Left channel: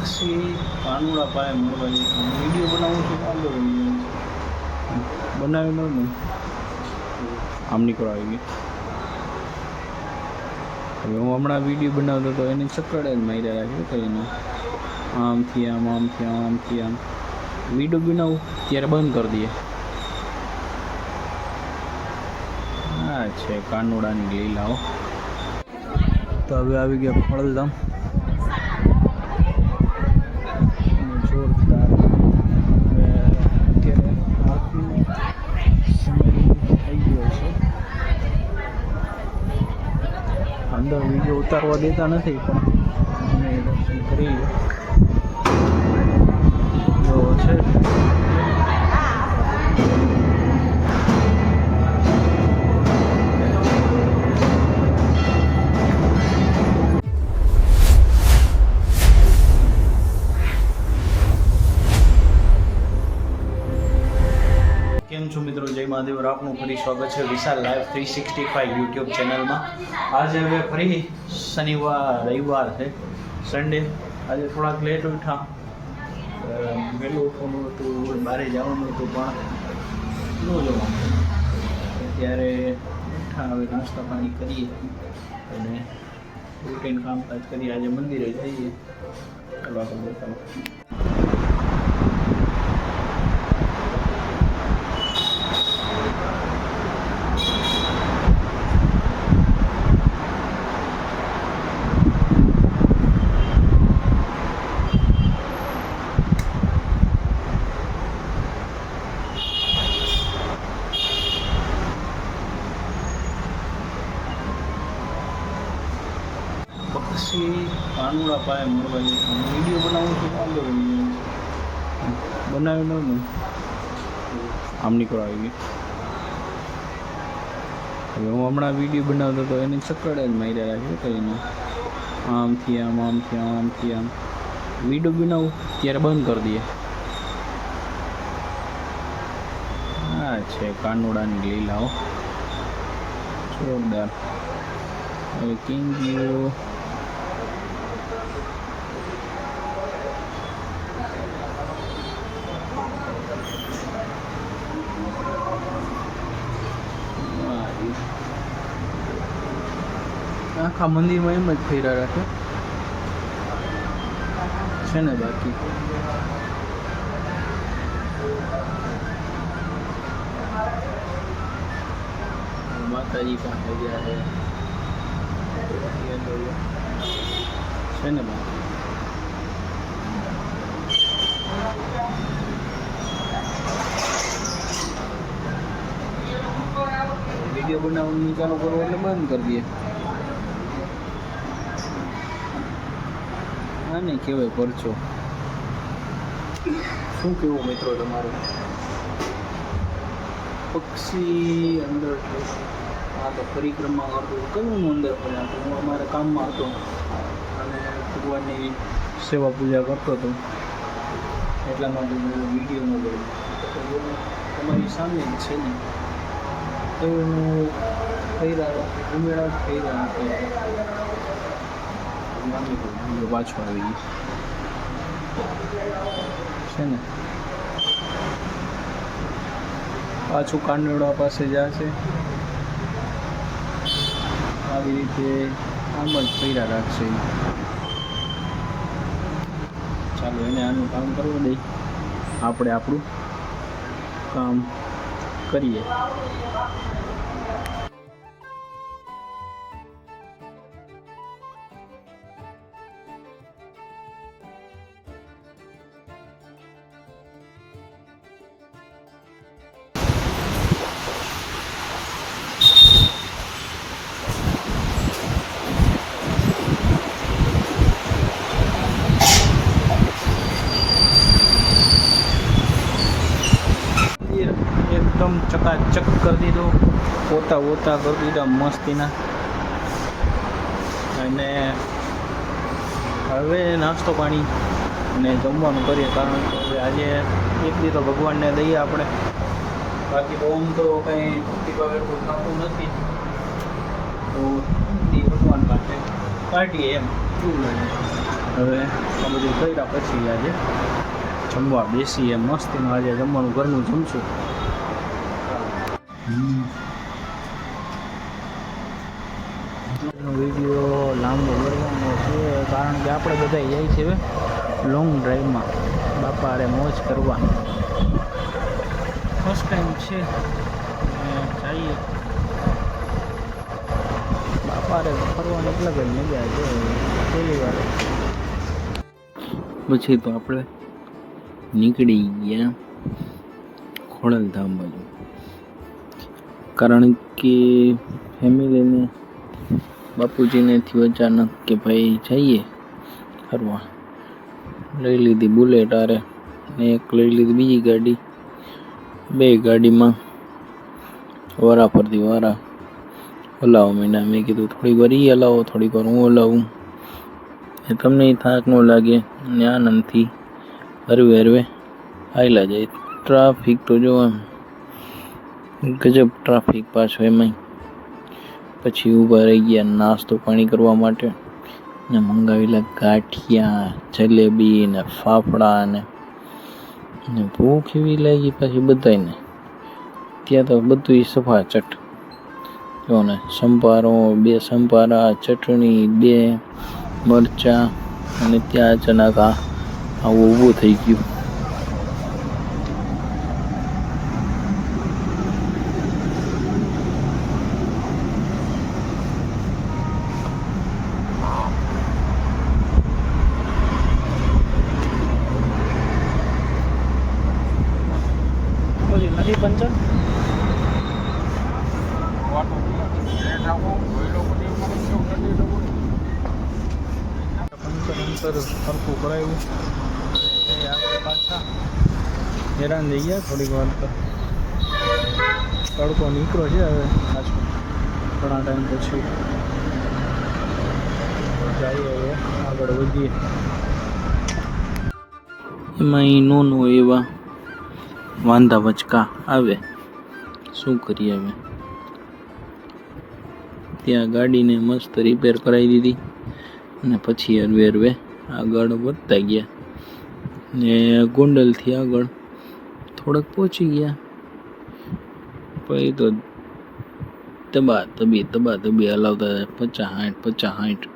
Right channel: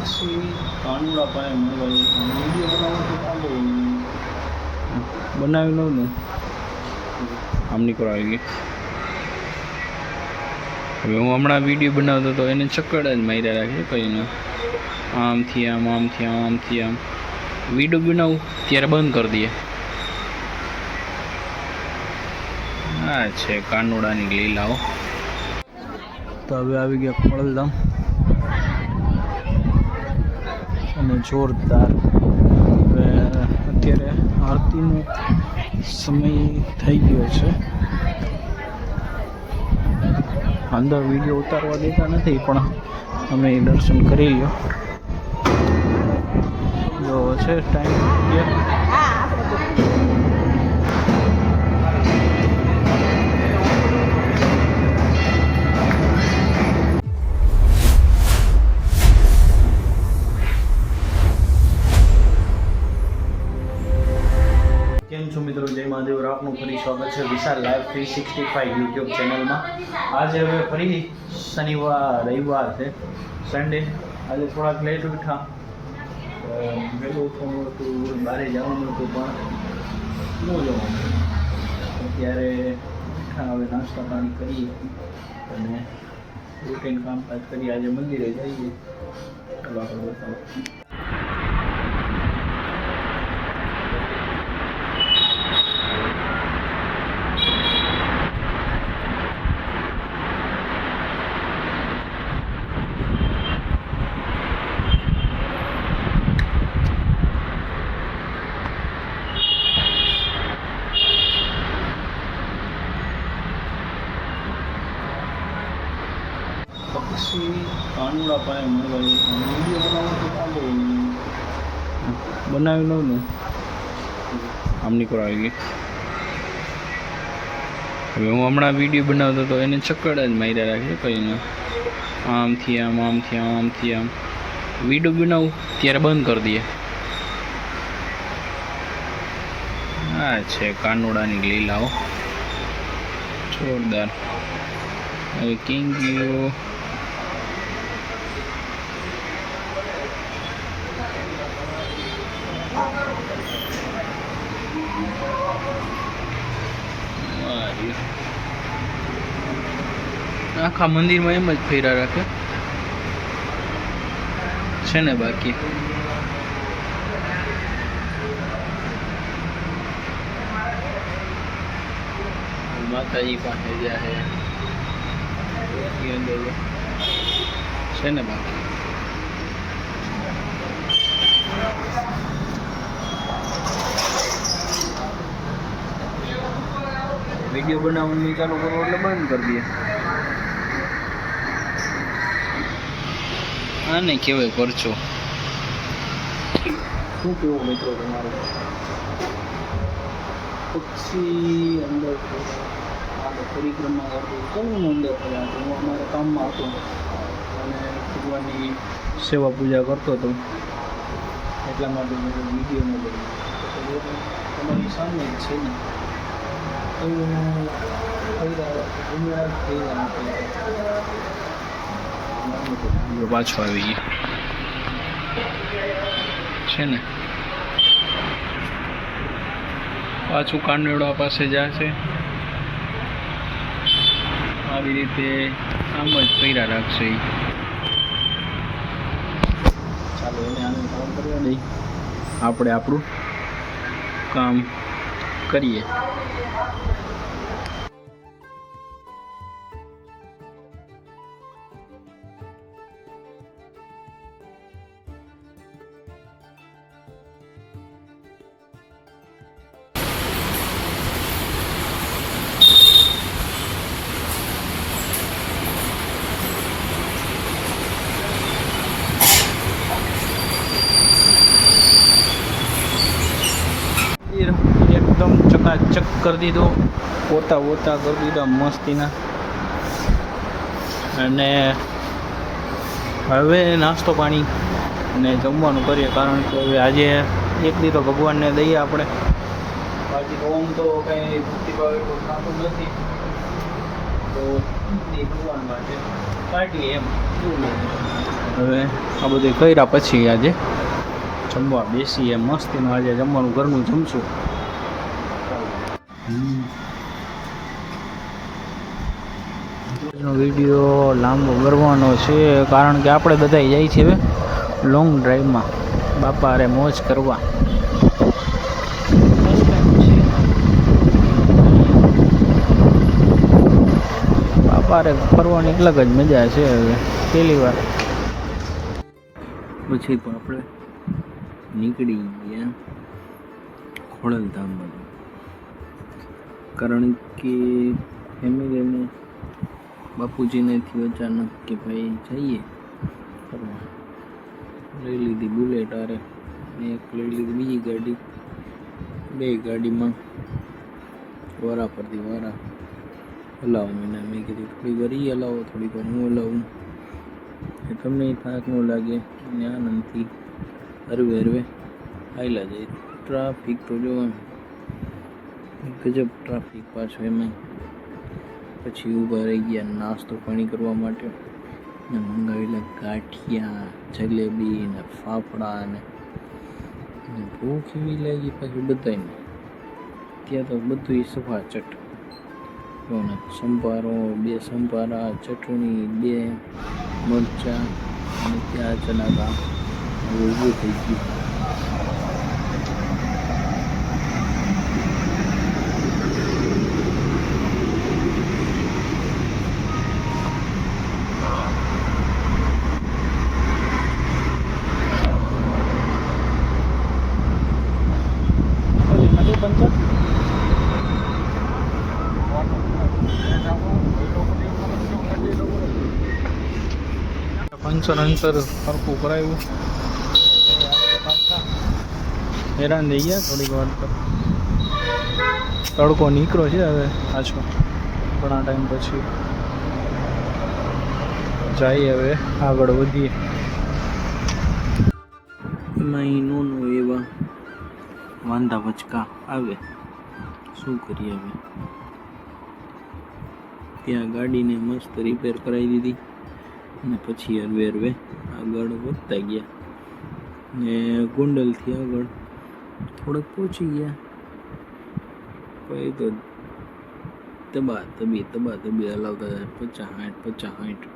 પક્ષી કાનુડા પાસે મળવા જઈએ. વિડીયો બનાવું તો લાંબો બનાવી લઉં ને આમ નીકળો આવી ગઈ. હવે હું હમણાં વિડીયો બનાવતો હતો એને ચક્કર જ માર્યા રાખે કહીને આમથી આમ આમથી આમ આમથી આમ. વિડીયો બનાવું ત્યારે બંધ કરી દઈએ. આ છે કાનુડાની લીલાઓ. તો હવે આવી ગયા ખોડલધામ અને જોરદાર. હવે અત્યારે આરતીનો સમય થઈ ગયો છે. અંદર વિડીયો ઉતારવા દેતા નથી પણ અમે દર્શન કરી લો જો છે ટાઈમ. કેમ છો મિત્રો? જય મહાદેવ. આપનું ફરી સ્વાગત છે વિશાલ લાઈવ 365 યુટ્યુબ ચેનલમાં. આજે હવે ફરી શનિવાર રવિવાર છે, સન્ડે. આજે થોડાક લેટ ઉઠા, વહેલું ઉઠવાનું હતું, બહાર જવાનું હતું પણ ન જવાનું. અત્યારે ઉઠા, હવે નાસ્તા પાણી કરીએ અને રૂટીન કામકાજ કરીએ. આજે મંદિરે જઈએ. ચાલો આગળ બતાવો. પક્ષી કાનુડા પાસે મળવા જઈએ. વિડીયો બનાવું તો લાંબો બનાવી લઉં ને આમ નીકળો આવી ગઈ. હવે હું હમણાં વિડીયો બનાવતો હતો એને ચક્કર જ માર્યા રાખે કહીને આમથી આમ આમથી આમ આમથી આમ. વિડીયો બનાવું ત્યારે બંધ કરી દઈએ. આ છે કાનુડાની લીલાઓ જોરદાર. હવે કિંગીઓ આખા મંદિરમાં એમ જ ફેરા રાખે છે ને. બાકી માતાજી પાસે જાય છે ને. બાકી વિડીયો બનાવવાનું ચાલુ કરો એટલે બંધ કરી દઈએ. આને કહેવાય પરચો. શું કેવું મિત્રો તમારું? પક્ષી અંદર આ તો પરિક્રમા કરતો કયું અંદર ફર્યા હતો. હું અમારા કામમાં હતો અને ભગવાનની સેવા પૂજા કરતો હતો, એટલા માટે મેં વિડીયો ન કર્યો. તમારી સામે જ છે ને એવું થઈ રહ્યા ઉમેરા થઈ રહ્યા પાછો આવી ગયો છે ને. પાછું કાનુડા પાસે જશે. આવી રીતે આમ જ ફર્યા રાખશે. ચાલો એને આનું કામ કરવા દઈ, આપણે આપણું કામ કરીએ. એકદમ ચકાચક કરી દીધો, પોતા પોતા કરી દીધા મસ્તીના. અને હવે નાસ્તો પાણી અને જમવાનું કરીએ, કારણ કે હવે આજે એક દી તો ભગવાનને દઈએ આપણે. બાકી તો આમ તો કંઈ દીપાવલી ખાતું નથી, તો ભગવાન માટે કાઢીએ એમ. શું હવે આ બધું કર્યા પછી આજે જમવા બેસીએ મસ્તીનું. આજે જમવાનું ઘરનું જમશું. વિડીયો લાંબો કરવાનો છે કારણ કે આપણે બધા જાય છે હવે લોંગ ડ્રાઈવમાં બાપા અરે મોજ કરવા. ફર્સ્ટ ટાઈમ છે બાપા અરે ફરવાની અલગ જ મજા છે. હવે પહેલી વાર પછી તો આપણે નીકળી ગયા ખોડલધામ બાજુ કારણ કે ફેમિલીને બાપુજીને થયું અચાનક કે ભાઈ જઈએ ફરવા. લઈ લીધી બુલેટ આરે ને એક લઈ લીધી બીજી ગાડી. બે ગાડીમાં વારા ફરતી વારા હલાવો મીંડા. મેં કીધું થોડીક વાર એ હલાવો થોડીક વાર હું હલાવું તમને થાક ન લાગે અને આનંદથી હરવે હરવે આવેલા જાય. ટ્રાફિક તો જો ગજબ ટ્રાફિક પાછો એમાંય. પછી ઊભા રહી ગયા નાસ્તો પાણી કરવા માટે ને મંગાવેલા ગાંઠિયા જલેબી ને ફાફડા ને ભૂખ એવી લાગી પછી બધાને. ત્યાં તો બધું સફાચટ જો ને સંભારો, 2 સંભારા, ચટણી, 2 મરચાં અને ત્યાં અચાનક આવું ઊભું થઈ ગયું. પંચર અંતર સરખું કરાવ્યું. પાછા હેરાન થઈ ગયા થોડીક વાર. તો તડકો નીકળો છે હવે પાછો ઘણા ટાઈમ પછી. જઈએ હવે આગળ વધીએ. એમાં નોનો એવા વાંધા વચકા આવે શું કરીએ હવે. ત્યાં ગાડીને મસ્ત રિપેર કરાવી દીધી અને પછી હરવે હરવે આગળ વધતા ગયા ને ગોંડલથી આગળ થોડક પહોંચી ગયા. પછી તો તબા તબી હલાવતા 50-60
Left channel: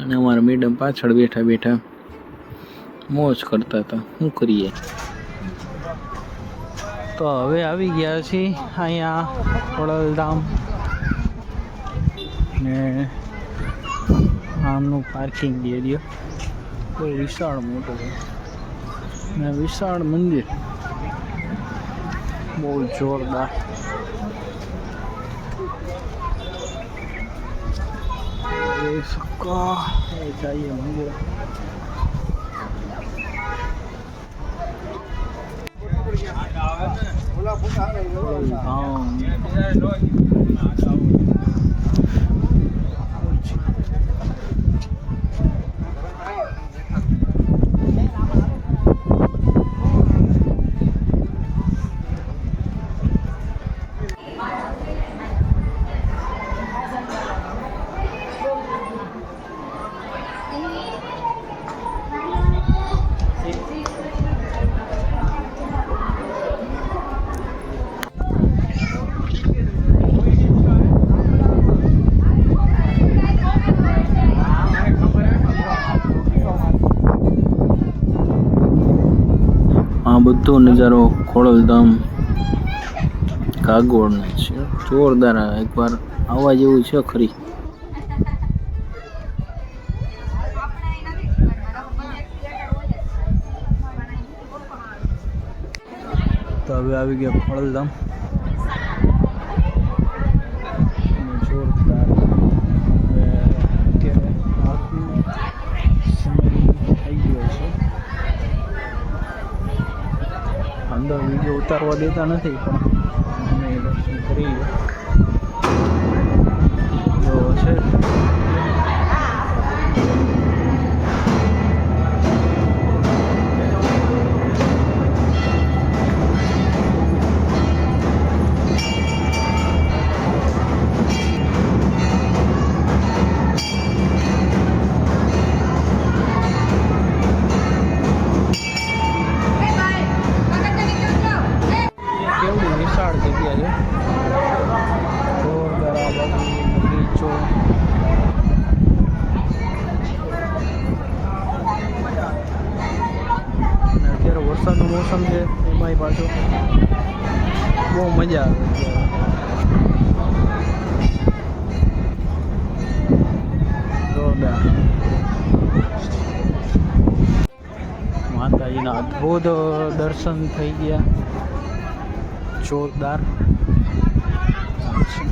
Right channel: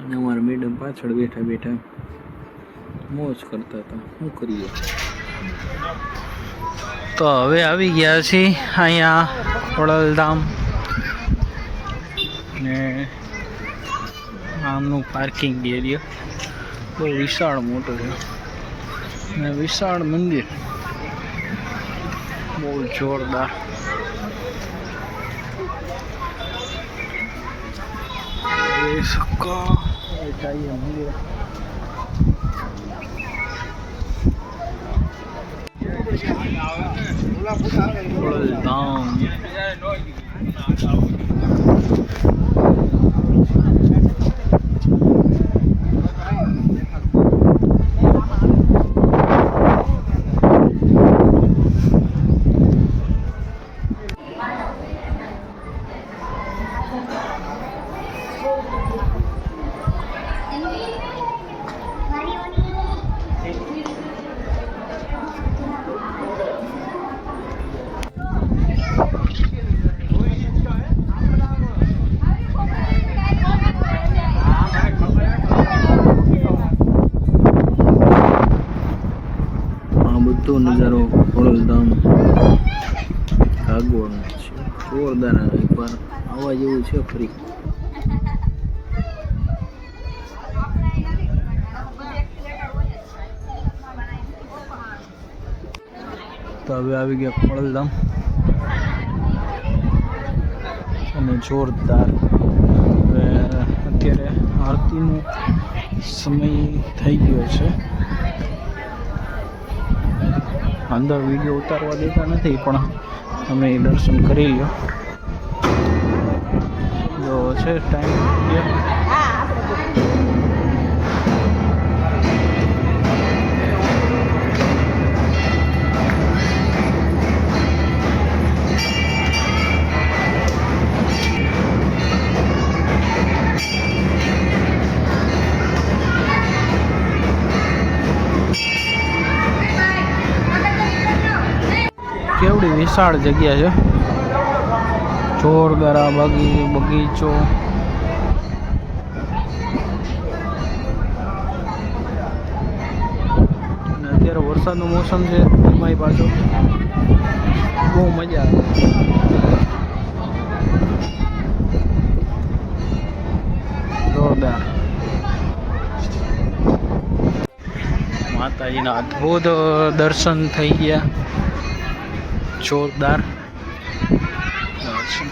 અને અમારા મેડમ પાછળ બેઠા મોજ કરતા હતા. શું કરીએ. તો હવે આવી ગયા છીએ અહીંયા ખોડલધામ ને આમનું પાર્કિંગ એરિયા બહુ વિશાળ મોટો છે ને વિશાળ મંદિર બહુ જોરદાર. જઈએ મંદિર. ખોડલધામ બધો નજારો ખોડલધામ કાગોળનો છે. જોરદાર. એકવાર આવવા જેવું છે ખરી. તો હવે આવી ગયા ખોડલધામ અને જોરદાર. હવે અત્યારે આરતીનો સમય થઈ ગયો છે. અંદર વિડીયો ઉતારવા દેતા નથી પણ અમે દર્શન કરી લો જો છે ટાઈમ. વિશાળ જગ્યા છે, જોરદાર આ બગીચો. અને અત્યારે વરસાદનો મોસમ છે, એમાંય પાછો બહુ મજા આવે. જોરદાર માતાજીના અદ્ભુત દર્શન થઈ ગયા. જોરદાર દર્શન.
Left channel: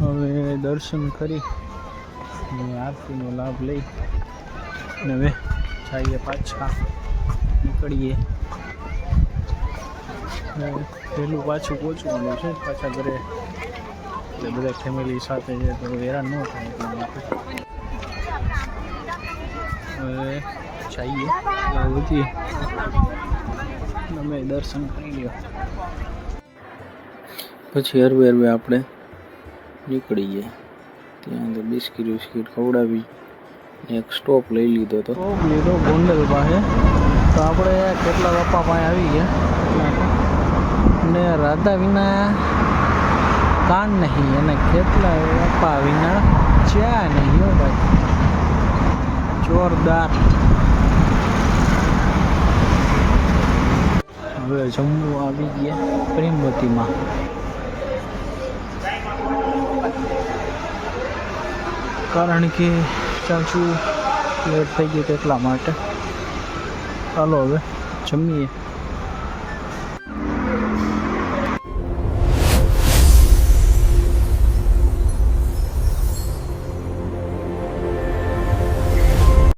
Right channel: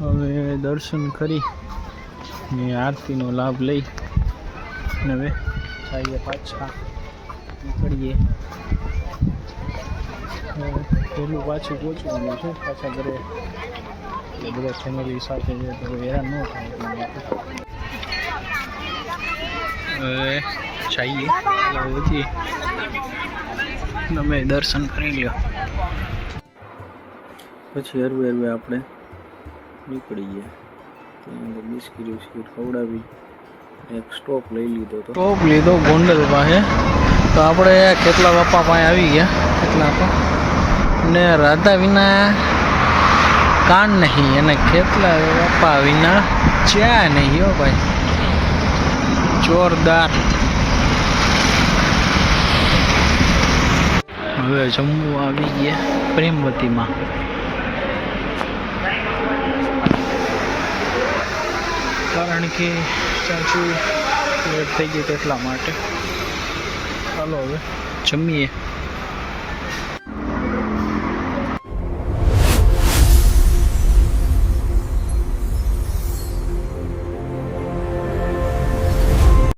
હવે દર્શન કરી ને આરતીનો લાભ લઈ ને હવે જઈએ પાછા, નીકળીએ. પહેલું પાછું પહોંચવાનું છે પાછા ઘરે, એટલે બધા ફેમિલી સાથે છે તો હેરાન ન થાય એટલા માટે. હવે જઈએ હજી તમે દર્શન કરી લ્યો, પછી હરવે હરવે આપણે નીકળીએ. ત્યાં તો બિસ્કીટ ખવડાવી, એક સ્ટોપ લઈ લીધો. તો સ્ટોપ લીધો ગોંડલ પાસે. તો આપણે કેટલા બાપા પાસે આવી ગયા, કેટલા બાપા ને રાધા વિના કાન નહીં, અને કેટલા બાપા વિના ચા નહીં. હો ભાઈ, જોરદાર. હવે જમવું આવી ગયા પ્રેમવતીમાં. કારણ કે ચાચુ લેટ થઈ ગયું એટલા માટે. ચાલો હવે જમીએ.